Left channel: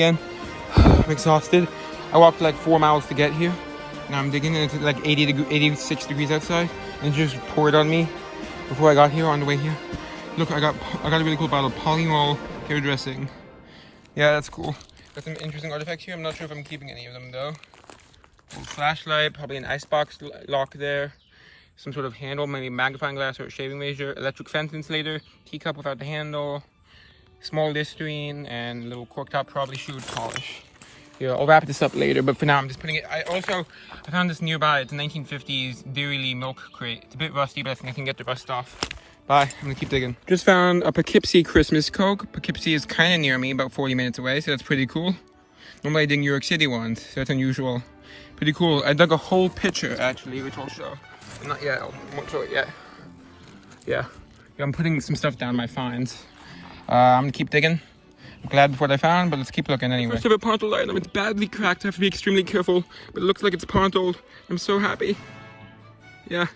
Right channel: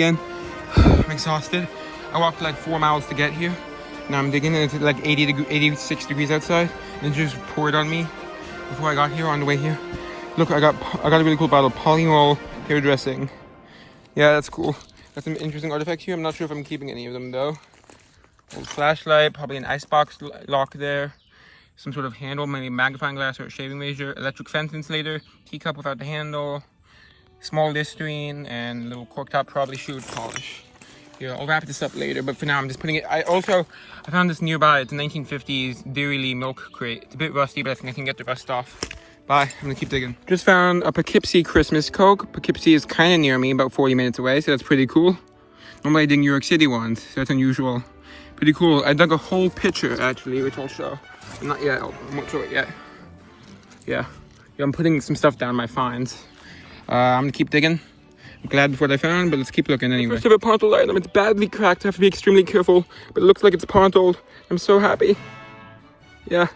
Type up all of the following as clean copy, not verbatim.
Again, I'm exhausted. I walked like 4 miles to get here. Now I'm digging and it's like 86 degrees outside, and it just poured on me before I got here on the way here. Look, I got a really cool bottle of Pontiled hairdressing. Yeah, that's cool. Got some interesting artifact here. I'm not sure if I'm keeping any of them though. Old flashlight, probably an icebox lock there. Some sort of handle, maybe magnifying glass or a shaving razor. Electric fence insulator, teacup without the handle, small Listerine, and a little cork top, probably shoe polish. Yeah, I'll wrap this up later, but for now I'm just putting it. I found this nearby. It's a 1950s Dairy milk crate. It's a bit rusty, but I think I can get the rust off. Bye, I'm gonna keep digging. Just found a Poughkeepsie Christmas Coke. Poughkeepsie is kind of near me, about 40 minutes away, so that's pretty cool. Normally I dig New York City ones, so that's unusual. Pretty cool. I dug a whole pitcher actually, which I'll show. Not yet, I won't show it yet. Yeah, I'm putting some stuff down my finds. I'm gonna keep digging. I'm glad with what I found, but let's keep looking anyway. First of a Pontiled item. It's badly cracked. I have to be extremely careful, but it looks like it's Pontiled. I'm so happy. Yeah,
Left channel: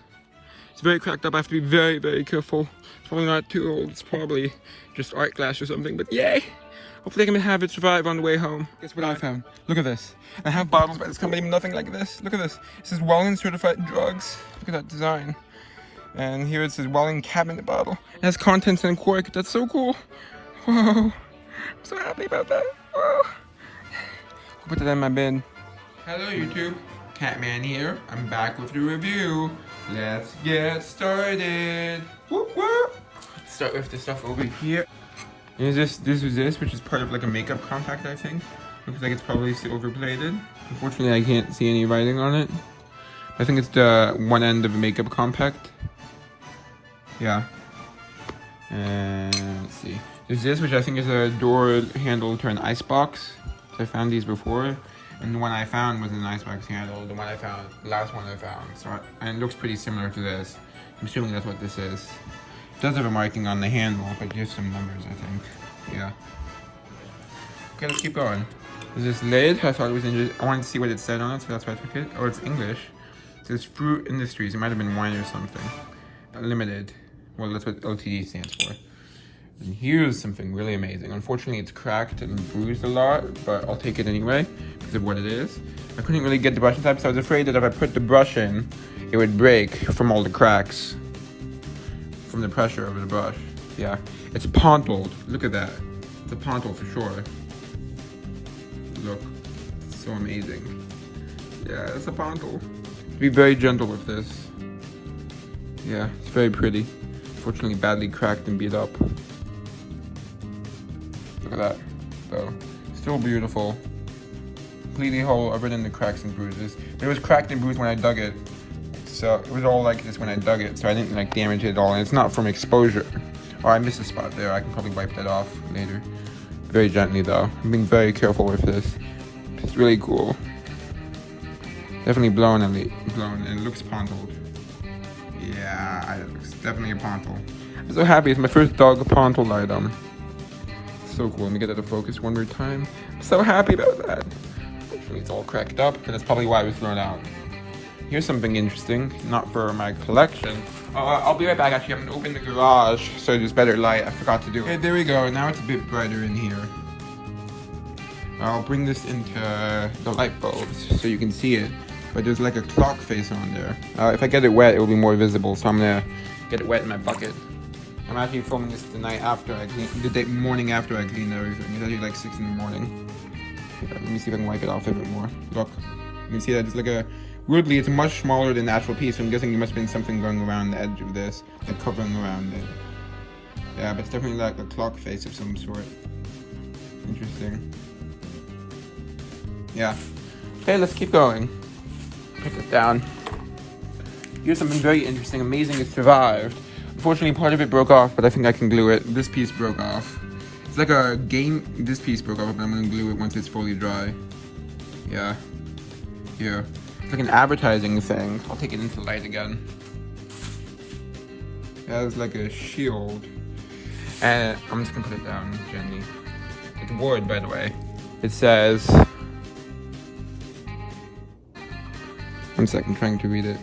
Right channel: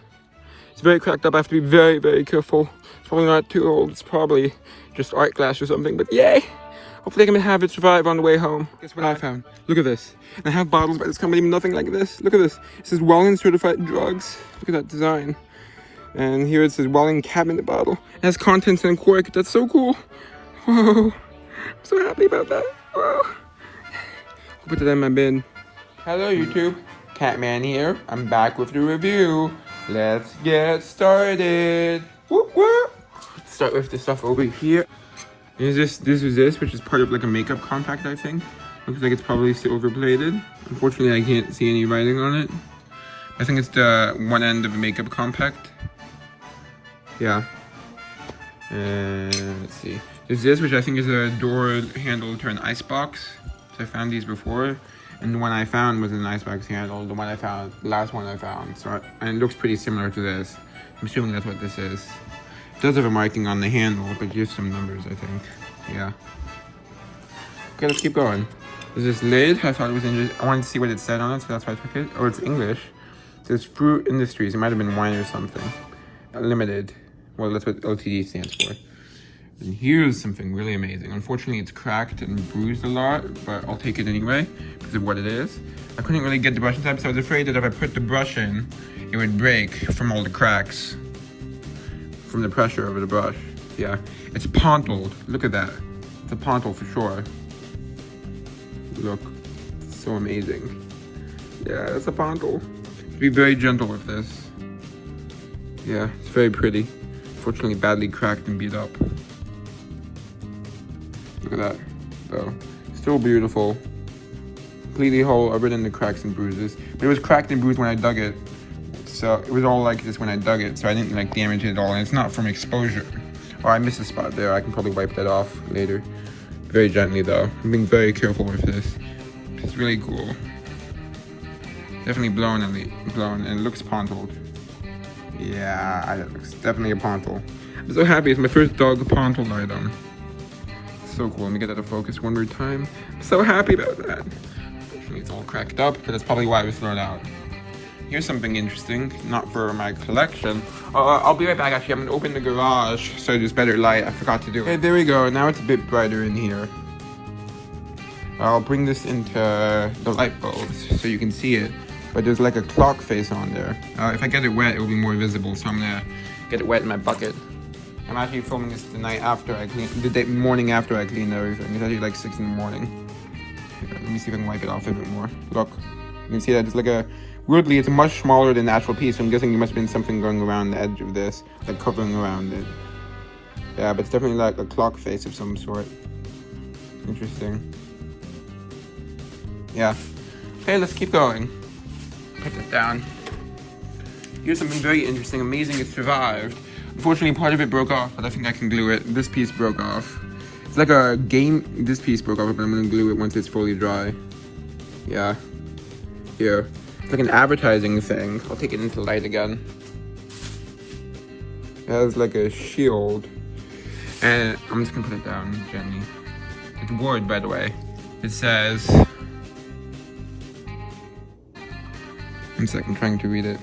it's very cracked up. I have to be very, very careful. It's probably not too old. It's probably just art glass or something, but yay! Hopefully I can have it survive on the way home. Guess what I found? Look at this. I have bottles by this company, nothing like this. Look at this. It says Welling Certified Drugs. Look at that design. And here it says Welling Cabinet Bottle. It has contents in a cork. That's so cool. Whoa. I'm so happy about that. Whoa. I'll put that in my bin. Hello YouTube. Catman here. I'm back with the review. Let's get started. Whoop whoop. Start with the stuff over here. This is this, which is part of like a makeup compact, I think. Looks like it's probably silver plated. Unfortunately, I can't see any writing on it. I think it's the one end of a makeup compact. Yeah. And let's see. There's this, which I think is a door handle to an icebox. So I found these before. And the one I found was an icebox handle. The last one I found. So and it looks pretty similar to this. I'm assuming that's what this is. It does have a marking on the handle, but here's some numbers, I think. Yeah. Okay, let's keep going. There's this lid. I thought it was interesting. I wanted to see what it said on it, so that's why I took it. Oh, it's English. There's Fruit Industries. It might have been wine or something. Limited. Well, that's what LTD stands for. And here's something really amazing. Unfortunately, it's cracked and bruised a lot, but I'll take it anyway because of what it is. I couldn't really get the brush inside, so I was afraid that if I put the brush in, it would break from all the cracks. From the pressure of the brush. Yeah, it's Pontiled. Look at that. It's a Pontiled for sure. Look, it's so amazing. Yeah, it's a Pontiled. Be very gentle with this. Yeah, it's very pretty. Unfortunately, badly cracked and beat up. Look at that. So, still beautiful. Completely whole, other than the cracks and bruises. But it was cracked and bruised when I dug it. So it was all like this when I dug it, so I didn't like damage it at all, and it's not from exposure. Oh, I missed a spot there. I can probably wipe that off later. Very gently though. I'm being very careful with this. It's really cool. Definitely blown and it looks Pontiled. Yeah, it's definitely a Pontiled. I'm so happy. It's my first dog Pontiled item. So cool. Let me get that to focus one more time. I'm so happy about that. Unfortunately, it's all cracked up, but that's probably why it was thrown out. Here's something interesting, not for my collection. I'll be right back, actually. I'm gonna open the garage so there's better light. I forgot to do it. Okay, there we go. Now it's a bit brighter in here. I'll bring this into the light bulbs so you can see it. But there's like a clock face on there. If I get it wet, it'll be more visible, so I'm gonna get it wet in my bucket. I'm actually filming this the night after I clean, morning after I clean everything. It's actually like 6 in the morning. Yeah, let me see if I can wipe it off a bit more. Look, you can see that it's like a, weirdly, it's much smaller than the actual piece, so I'm guessing there must have been something going around the edge of this, like covering around it. Yeah, but it's definitely like a clock face of some sort. Interesting. Yeah. Okay, let's keep going. Put it down. Here's something very interesting. Amazing, it survived. Unfortunately, part of it broke off, but I think I can glue it. This piece broke off. It's like a game. This piece broke off, but I'm gonna glue it once it's fully dry. Yeah. Here. It's like an advertising thing. I'll take it into the light again. It has like a shield. And I'm just gonna put it down gently. It's wood, by the way. It says... One second, I'm trying to read it.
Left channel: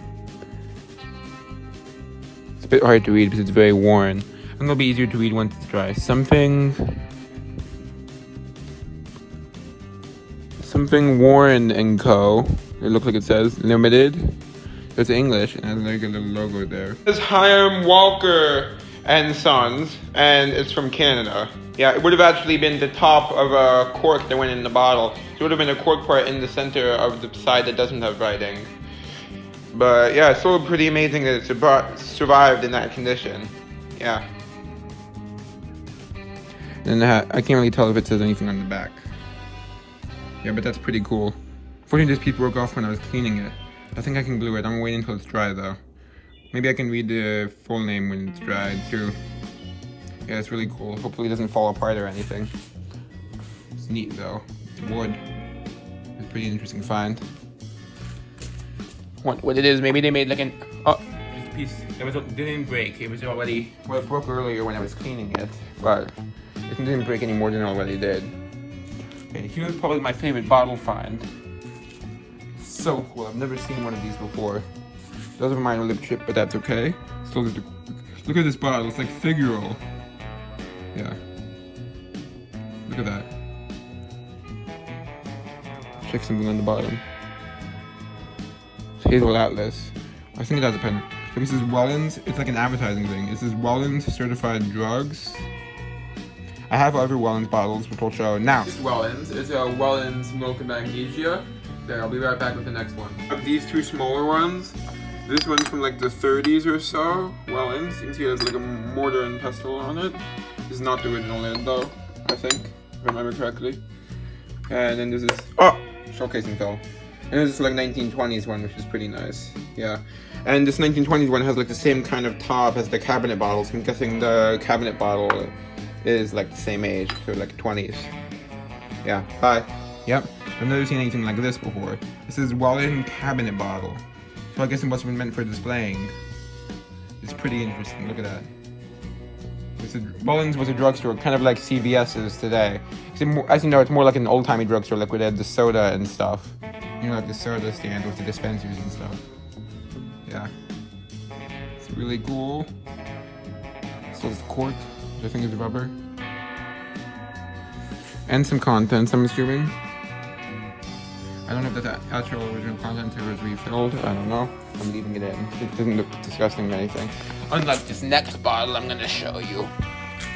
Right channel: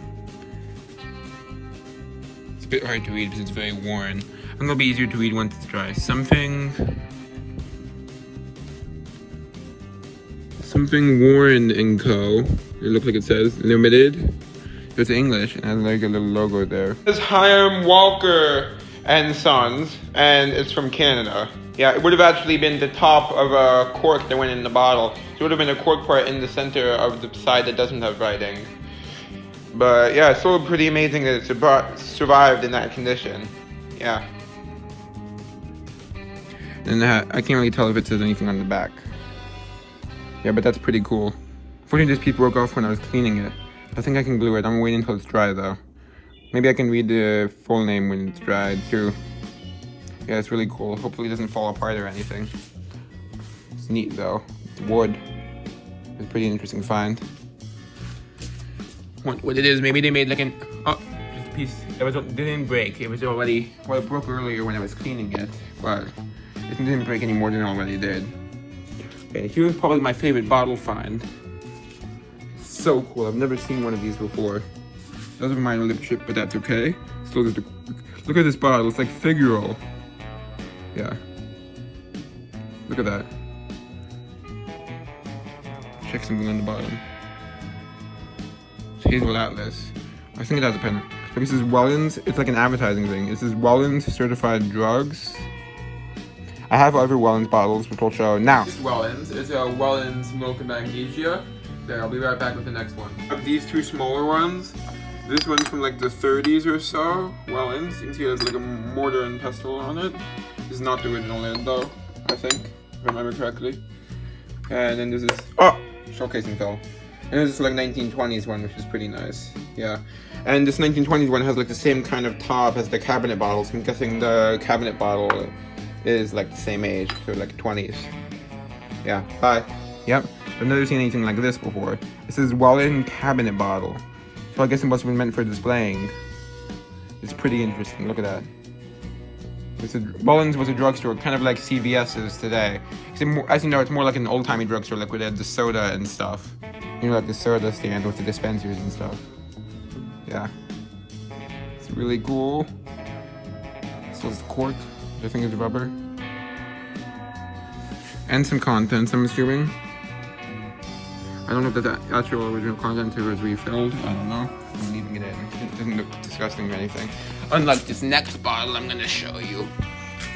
It's a bit hard to read because it's very worn. I think it'll be easier to read once it's dry. Something... something Warren and Co. It looks like it says limited. It's English and like a little logo there. It's Hiram Walker and Sons, and it's from Canada. Yeah, it would have actually been the top of a cork that went in the bottle. So it would have been a cork part in the center of the side that doesn't have writing. But yeah, it's still pretty amazing that it survived in that condition. Yeah. And I can't really tell if it says anything on the back. Yeah, but that's pretty cool. Unfortunately, this piece broke off when I was cleaning it. I think I can glue it. I'm waiting until it's dry though. Maybe I can read the full name when it's dried too. Yeah, it's really cool. Hopefully it doesn't fall apart or anything. It's neat though. Wood. It's a pretty interesting find. What it is, maybe they made like an... Oh, just a piece that didn't break. It was already... Well, it broke earlier when I was cleaning it. But it didn't break any more than it already did. Okay, here's probably my favorite bottle find. So cool. I've never seen one of these before. Doesn't remind me of lip chip, but that's okay. Still just look at this bottle. It's like Figaro. Yeah. Look at that. Check something on the bottom. It's Hazel Atlas. I think it has a pen. So this is Wellens. It's like an advertising thing. This is Wellens certified drugs. I have other Wellens bottles, which I'll show now. This is Wellens. It's a Wellens milk and magnesia. There, I'll be right back with the next one. These two smaller ones. This one's from like the 30s or so. Wellens. You can see it has like a mortar and pestle on it. This is not the original lid though, I think, if I remember correctly. And then there's this, oh, showcasing fell. And there's this like 1920s one, which is pretty nice. Yeah. And this 1920s one has like the same kind of top as the cabinet bottle. So I'm guessing the cabinet bottle is like the same age, so like 20s. Yeah, bye. Yep, I've never seen anything like this before. This is Wellens cabinet bottle. So I guess it must have been meant for displaying. It's pretty interesting, look at that. Wellens was a drugstore, kind of like CVS is today. As you know, it's more like an old-timey drugstore, like we had the soda and stuff. You know, like the soda stand with the dispensers and stuff. Yeah. It's really cool. So it's cork. I think it's rubber. And some contents, I'm assuming. I don't know if that's actual original content or was refilled. I don't know. I'm leaving it in. It doesn't look disgusting or anything. Unlike this next bottle, I'm gonna show you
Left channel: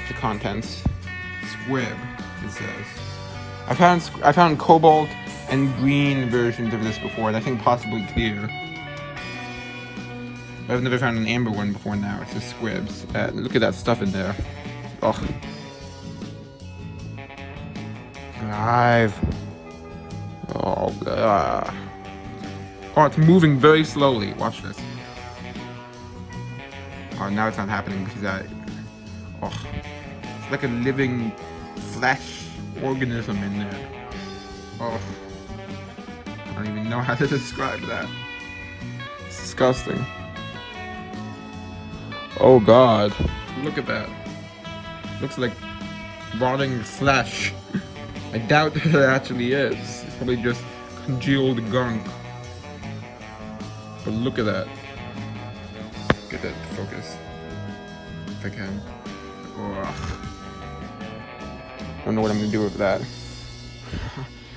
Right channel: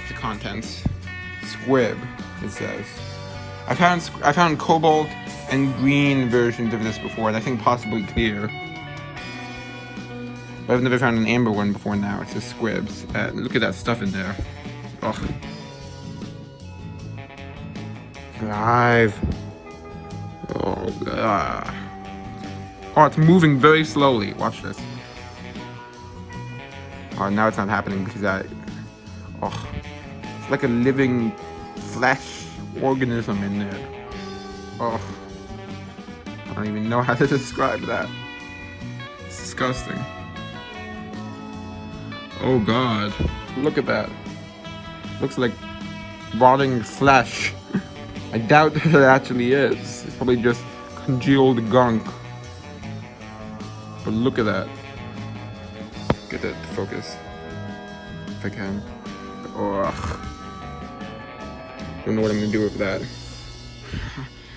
the contents. Squib, it says. I found cobalt and green versions of this before, and I think possibly clear. But I've never found an amber one before now. It's just squibs. Look at that stuff in there. Oh. Live. Oh, oh, it's moving very slowly. Watch this. Oh, now it's not happening because oh, it's like a living flesh organism in there. Oh, I don't even know how to describe that. It's disgusting. Oh God, look at that. Looks like rotting flesh. I doubt that it actually is. It's probably just congealed gunk. But look at that. Get that focus. If I can. Ugh. Don't know what I'm gonna do with that.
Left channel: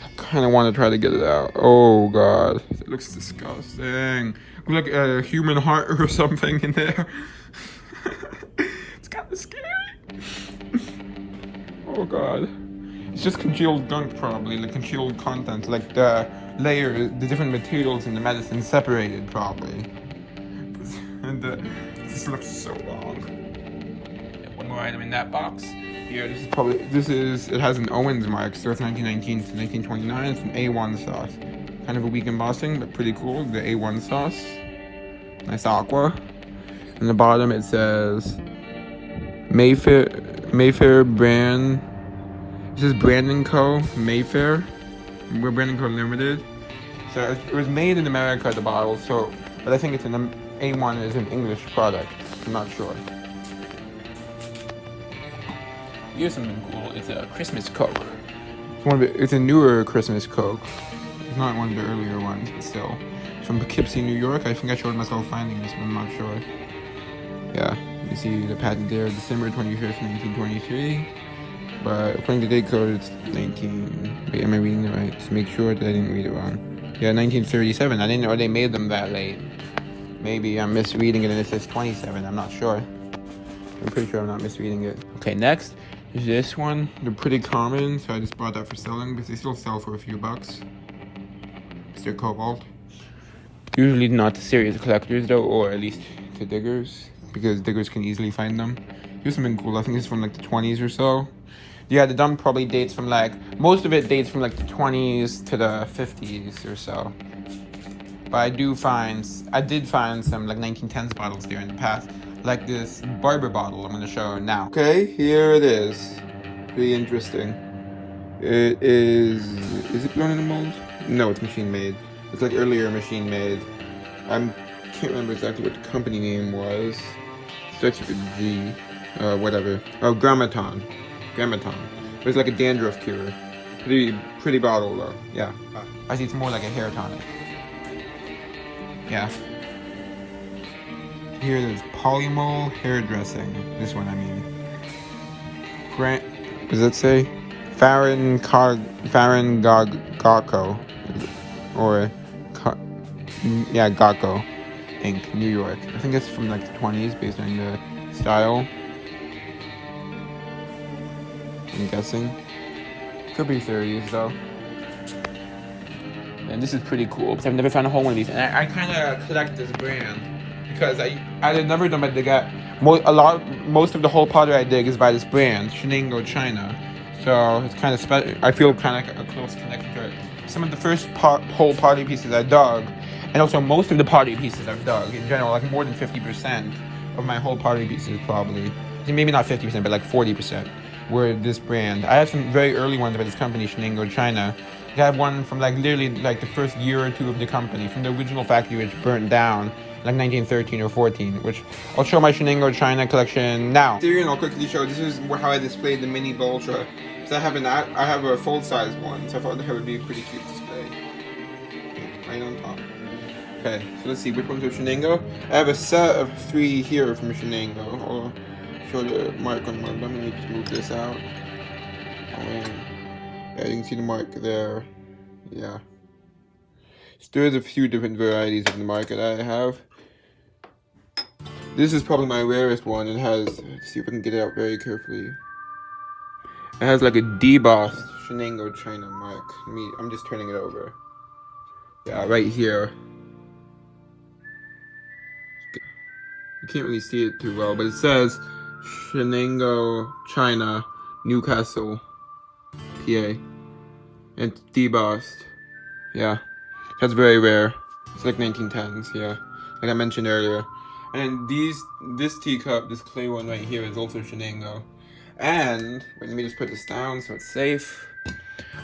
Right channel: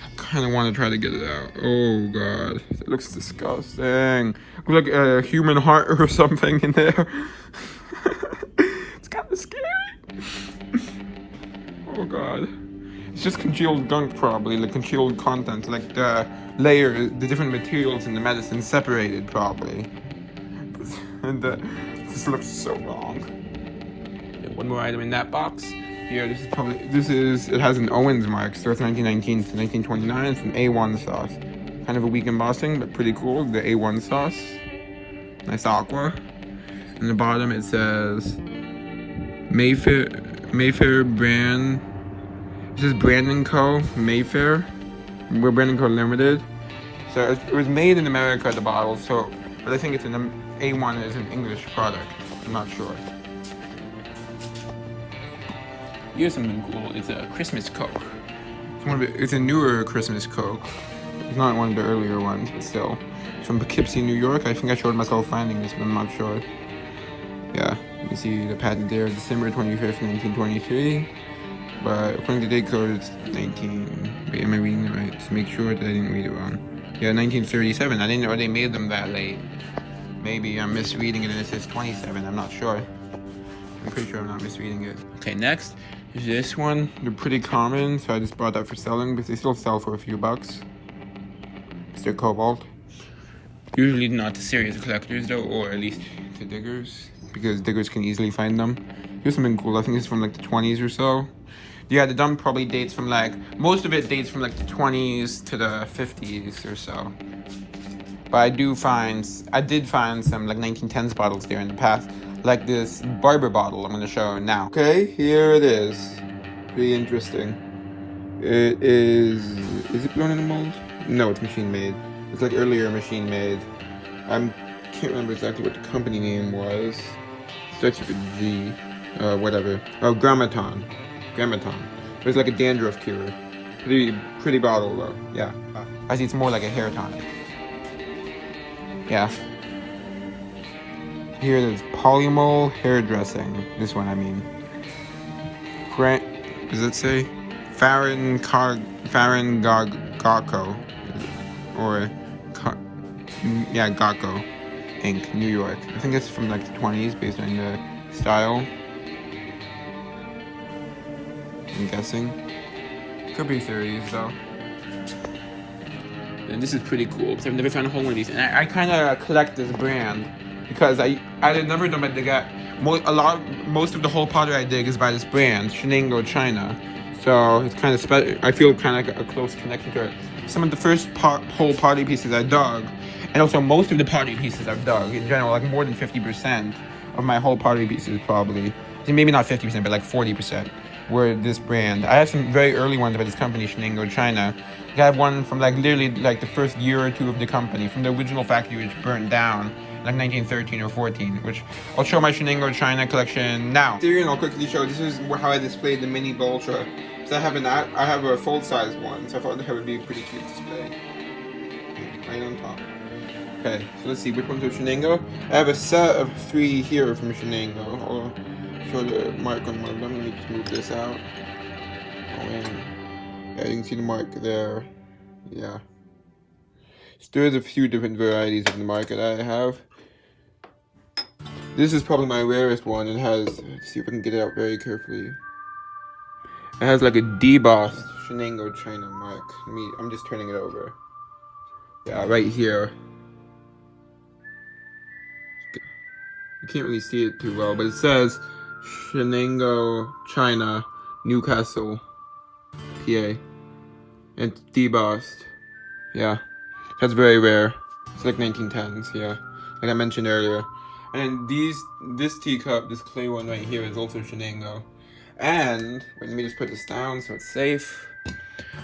I kinda wanna try to get it out. Oh God. It looks disgusting. Look like a human heart or something in there. It's kinda scary. Oh God. It's just congealed gunk probably, like congealed content, like the the different materials in the medicine separated probably. And this looks so wrong. One more item in that box. Here, it has an Owens mark, so it's 1919 to 1929. It's an A1 sauce. Kind of a weak embossing, but pretty cool. The A1 sauce. Nice aqua. On the bottom it says Mayfair brand. This is Brand & Co. Mayfair. We're Brand & Co. Limited. So it was made in America, the bottle, but I think it's an A1 is an English product. I'm not sure. Here's something cool. It's a Christmas Coke. It's a newer Christmas Coke. It's not one of the earlier ones, but still. From Poughkeepsie, New York. I think I showed myself finding this, but I'm not sure. Yeah, you see the patent there, December 25th, 1923. but according to the date code, it's 19. Wait, am I reading it right? To make sure that I didn't read it wrong. Yeah, 1937. I didn't know they made them that late. Maybe I'm misreading it and it says 27. I'm not sure. I'm pretty sure I'm not misreading it. Okay, next is this one. They're pretty common, so I just bought that for selling, but they still sell for a few bucks. It's their cobalt. Usually not to serious collectors though, or at least to diggers, because diggers can easily find them. Here's something cool. I think it's from like the 20s or so. Yeah, the done probably dates from like, most of it dates from like the 20s to the 50s or so. But I did find some like 1910s bottles there in the past, like this Barber bottle I'm going to show now. Okay, here it is. Pretty interesting. It is it blown in a mold? No, it's machine made. It's like earlier machine made. I can't remember exactly what the company name was. It starts with a G. Whatever. Oh, Grammaton. It's like a dandruff cure. Pretty bottle though. Yeah. I see it's more like a hair tonic. Yeah. Here there's Polymol hair dressing. This one, I mean. Does it say? Gacco. Or, yeah, Gacco Inc., New York. I think it's from like the 20s based on the style. I'm guessing. Could be 30s though. And this is pretty cool because I've never found a whole one of these. And I kind of collect this brand because I never done my dig at. Most of the whole pottery I dig is by this brand, Shenango China. So it's kind of special. I feel kind of a close connection to it. Some of the first whole pottery pieces I dug, and also most of the pottery pieces I've dug in general, like more than 50% of my whole pottery pieces probably. Maybe not 50%, but like 40% were this brand. I had some very early ones by this company, Shenango China. I have one from like literally like the first year or two of the company, from the original factory which burned down like 1913 or 14, which I'll show my Shenango China collection now. Here, and I'll quickly show, this is how I displayed the mini Boltra. So I have a full size one, so I thought that would be a pretty cute display. Right on top. Okay, so let's see, which one's of Shenango? I have a set of 3 here from Shenango. I'll show the mark on one of them. Let me just move this out. Oh man. Yeah, you can see the mark there. Yeah. So there's a few different varieties of the mark that I have. This is probably my rarest one. It has, let's see if I can get it out very carefully. It has like a debossed Shenango China mark. I'm just turning it over. Yeah, right here. You can't really see it too well, but it says Shenango China, Newcastle, PA. And it's debossed. Yeah. That's very rare. It's like 1910s, yeah. Like I mentioned earlier. And this teacup, this clay one right here, is also Shenango. And let me just put this down so it's safe.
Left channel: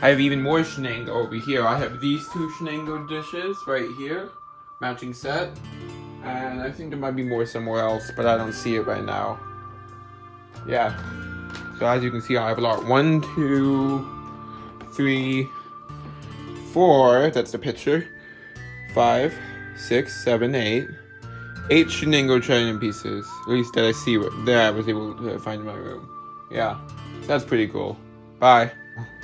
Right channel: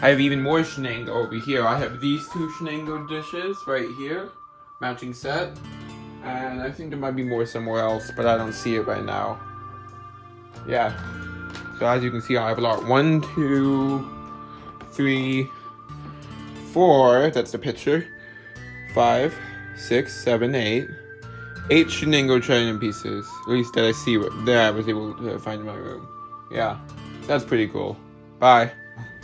I have even more Shenango over here. I have these 2 Shenango dishes right here, matching set. And I think there might be more somewhere else, but I don't see it right now. Yeah. So as you can see, I have a lot. 1, 2, 3, 4. That's the picture. 5, 6, 7, 8. 8 Shenango China pieces. At least that I see that I was able to find in my room. Yeah, so that's pretty cool. Bye.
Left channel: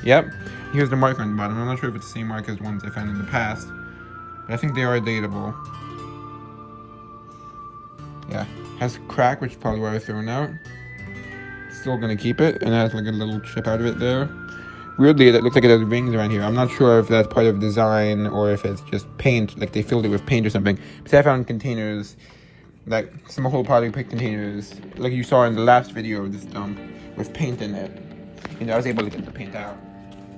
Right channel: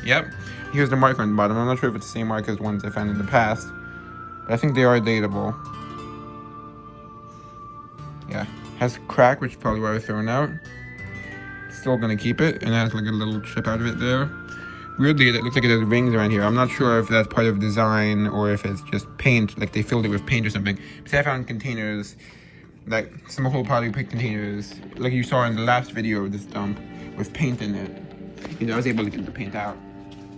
Yep. Here's the mark on the bottom. I'm not sure if it's the same mark as ones I found in the past, but I think they are datable. Yeah. Has a crack, which is probably why I was throwing out. Still gonna keep it, and it has like a little chip out of it there. Weirdly, it looks like it has rings around here. I'm not sure if that's part of design or if it's just paint, like they filled it with paint or something. Because I found containers, like some whole pottery pick containers, like you saw in the last video of this dump, with paint in it. And I was able to get the paint out.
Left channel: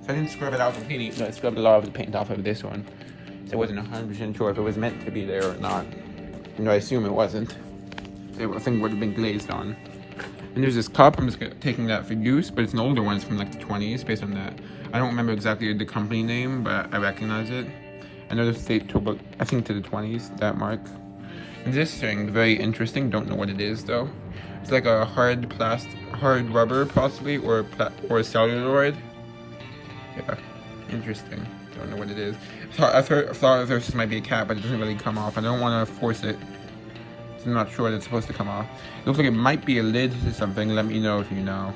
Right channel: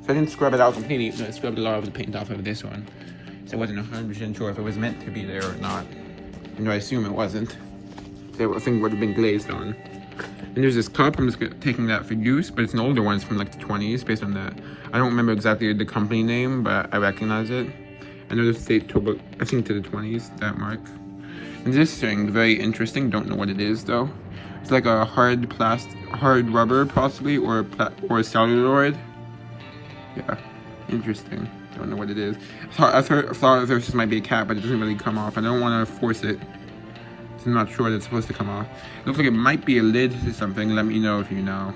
So I didn't scrub it out completely, so I scrubbed a lot of the paint off of this one. So I wasn't 100% sure if it was meant to be there or not. You know, I assume it wasn't. I think it would have been glazed on. And there's this cup, I'm just taking that for use, but it's an older one, it's from like the 20s, based on that. I don't remember exactly the company name, but I recognize it. I know this date to about, I think to the 20s, that mark. And this thing, very interesting, don't know what it is though. It's like a hard rubber possibly, or celluloid. Yeah, interesting, don't know what it is. I thought at first this might be a cap, but it doesn't really come off. I don't want to force it. I'm not sure that's supposed to come off. It looks like it might be a lid to something. Let me know if you know.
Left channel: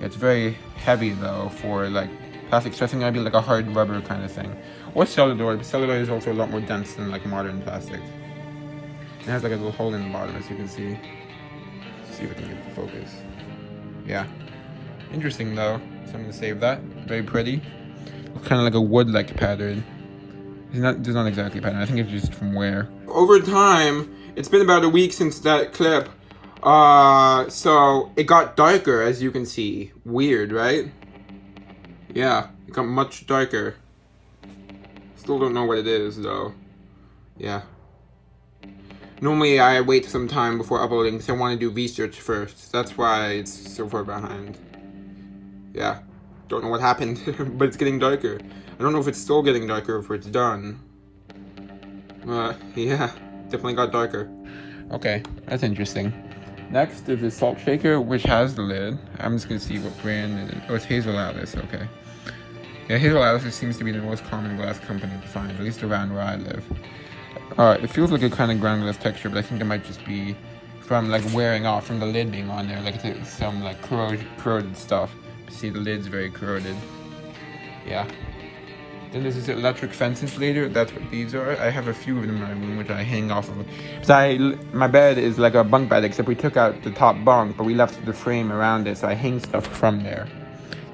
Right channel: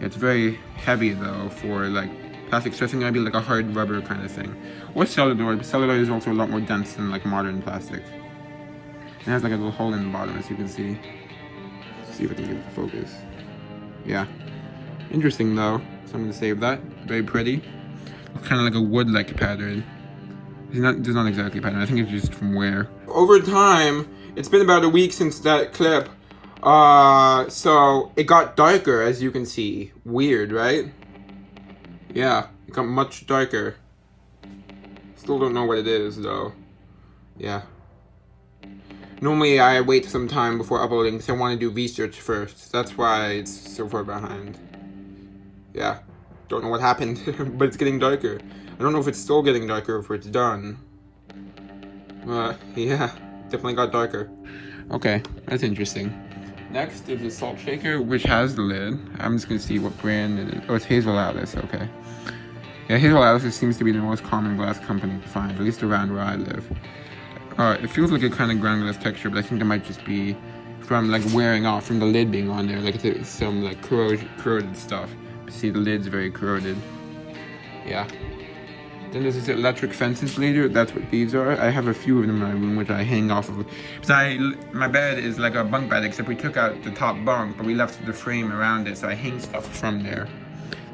It's very heavy though for like plastic, so it's gonna be like a hard rubber kind of thing. Or celluloid, but celluloid is also a lot more dense than like modern plastic. It has like a little hole in the bottom, as you can see. Let's see if I can get the focus. Yeah. Interesting though, so I'm gonna save that. Very pretty. Kind of like a wood-like pattern. It's not exactly a pattern, I think it's just from wear. Over time, it's been about a week since that clip. So it got darker, as you can see. Weird, right? Yeah, it got much darker. Still don't know what it is though. Yeah. Normally I wait some time before uploading because I want to do research first. That's why it's so far behind. Yeah. Don't know what happened, but it's getting darker. I don't know if it's still getting darker or if it's done. Yeah, definitely got darker. Okay, that's interesting. Next is the salt shaker, which has the lid. I'm just gonna see what brand it is. Oh, it's Hazel Atlas, okay. Yeah, Hazel Atlas seems to be the most common glass company to find, at least around where I live. It feels like a kind of ground glass texture, but I think it might just be from like wearing off, from the lid being on there, like it's some like corroded stuff. See, the lid's very corroded. Yeah. Then this is electric fence insulator. That's what these are. I have a few of them in my room, which I hang off of. So my bed is like a bunk bed, except we took out the top bunk, but we left the frame around it, so I hang stuff from there.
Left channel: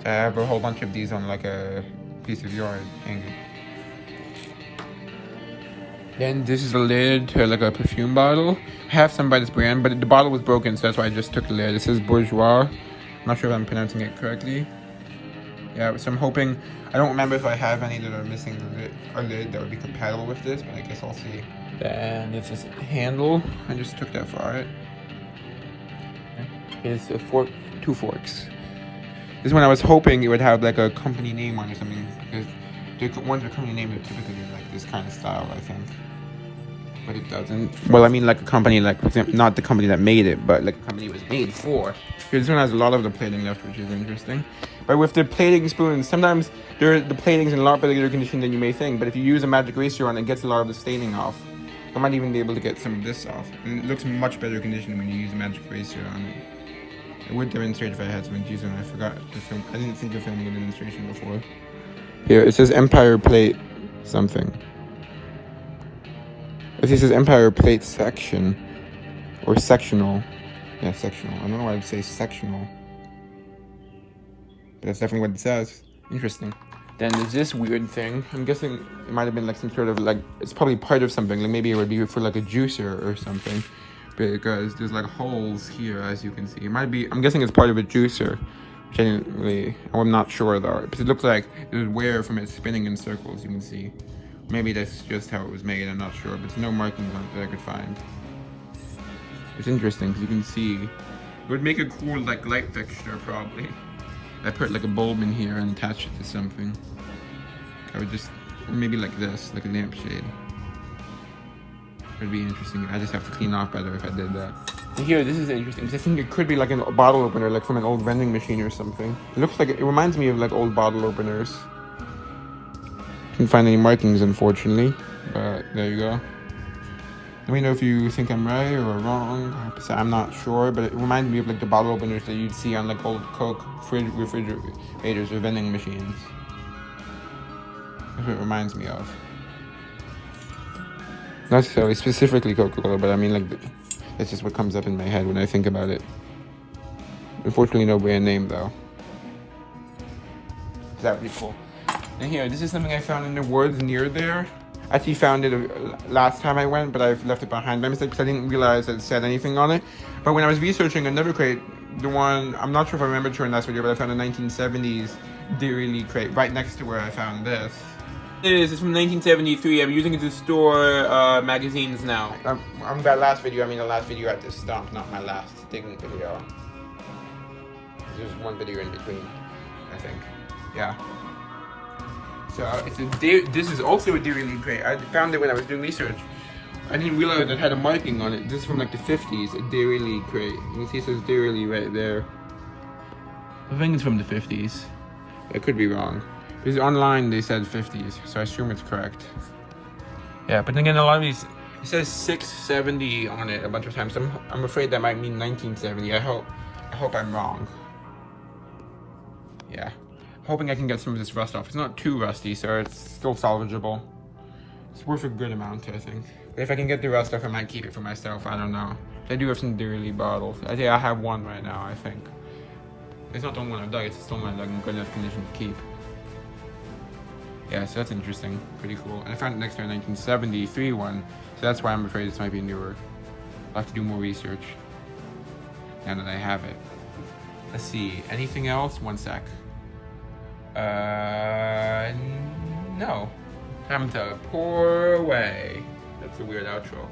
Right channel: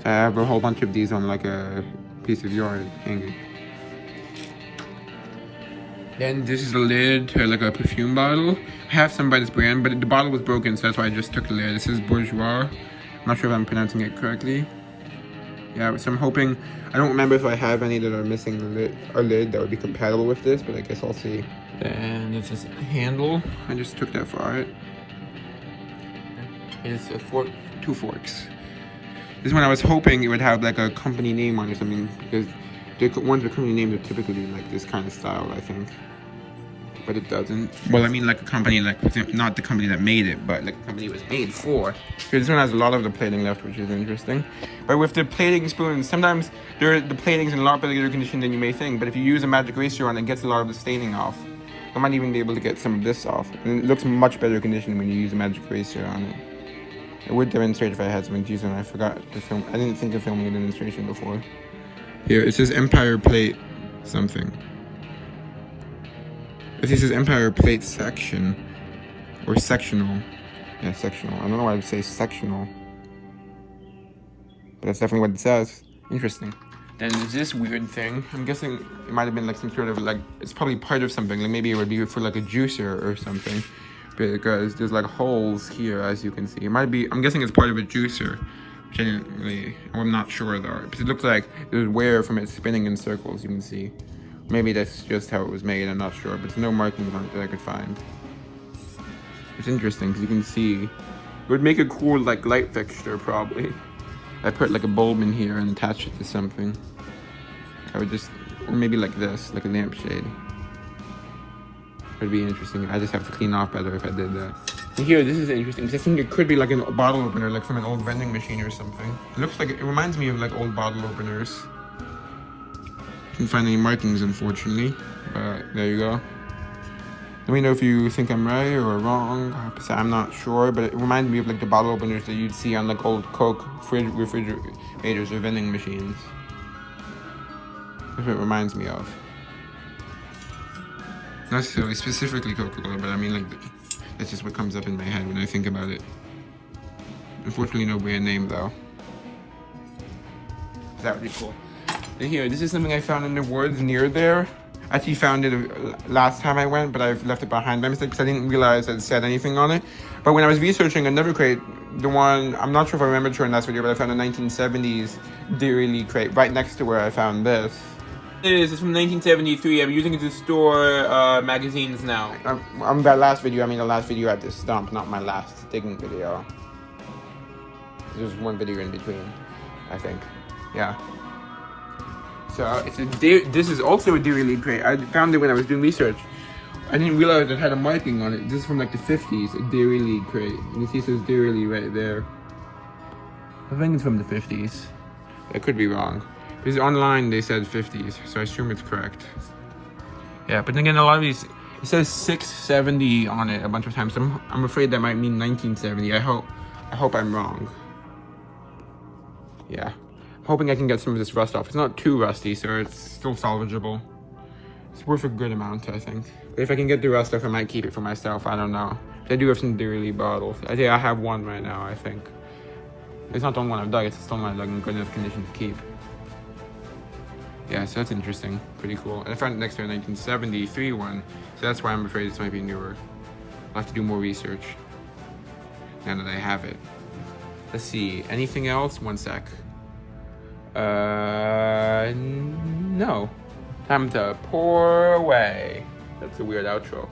So I have a whole bunch of these on like a piece of yard hanging. Then this is a lid to like a perfume bottle. I have some by this brand, but the bottle was broken, so that's why I just took the lid. This is Bourgeois. I'm not sure if I'm pronouncing it correctly. Yeah, so I'm hoping, I don't remember if I have any that are missing a lid that would be compatible with this, but I guess I'll see. Then this is a handle. I just took that for it. It's a two forks. This is when I was hoping it would have like a company name on it or something, because the ones with company names are typically like this kind of style, I think. But it doesn't. Well, I mean like a company, like not the company that made it, but like a company it was made for. Here, this one has a lot of the plating left, which is interesting. But with the plating spoons, sometimes the plating's in a lot better condition than you may think. But if you use a magic eraser on it, it gets a lot of the staining off. I might even be able to get some of this off. And it looks much better condition when you use a magic eraser on it. I would demonstrate if I had some keys on. I forgot to film. I didn't think of filming a demonstration before. Here, it says Empire Plate something. It says Empire Plate section. Or sectional. Yeah, sectional. I don't know why I would say sectional. But that's definitely what it says. Interesting. Then there's this weird thing. I'm guessing it might have been like some sort of like, it's probably part of something. Like maybe it would be for like a juicer or something. Because there's like holes here, as you can see. It might be, I'm guessing it's part of a juicer. Which I didn't really, I'm not sure though. Because it looks like there's wear from it spinning in circles, you can see. Maybe that's just how it was made, I'm not sure. But there's no markings on it that I could find. It's interesting because you can see, it would make a cool like light fixture probably. I put like a bulb in here and attach it to something. I would just, or maybe like this, like a lampshade. It'd be interesting. I just have to clean off better if I did that. Here, this is interesting because I think it could be like a bottle opener, like from an old vending machine or something. It looks like, it reminds me of like old bottle openers. Can't find any markings, unfortunately, but there you go. Let me know if you think I'm right or wrong. I'm not sure, but it reminds me of like the bottle openers that you'd see on like old Coke refrigerators or vending machines. That's what it reminds me of. Not necessarily specifically Coca-Cola, but I mean like, that's just what comes up in my head when I think about it. Unfortunately, no brand name though. That would be cool. And here, this is something I found in the woods near there. I actually found it last time I went, but I've left it behind by mistake because I didn't realize it said anything on it. But when I was researching another crate, the one, I'm not sure if I remember showing last video, but I found a 1970s Dairy Lee crate right next to where I found this. This is from 1973. I'm using it to store magazines now. That last video, I mean the last video at this dump, not my last digging video. There's one video in between, I think. Yeah. So it's this is also a Dairy Lee crate. I found it when I was doing research. I didn't realize it had a marking on it. This is from like the 50s, a Dairy Lee crate. You see it says Dairy Lee right there. I think it's from the 50s. I could be wrong. Because online they said 50s, so I assume it's correct. Yeah, but then again, a lot of these, it says 670 on it a bunch of times. I'm afraid that might mean 1970. I hope I'm wrong. Yeah. Hoping I can get some of this rust off. It's not too rusty, so it's still salvageable. It's worth a good amount, I think. If I can get the rust off, I might keep it for myself. I don't know. I do have some Dearly bottles. I think I have one right now, I think. It's not the only one I've dug, it's just the only one I've dug in good enough condition to keep. Yeah, so that's interesting. Pretty cool. And I found it next to a 1973 one, so that's why I'm afraid this might be newer. I'll have to do more research now that I have it. Let's see, anything else? One sec. No. Time to pour away. That's a weird outro.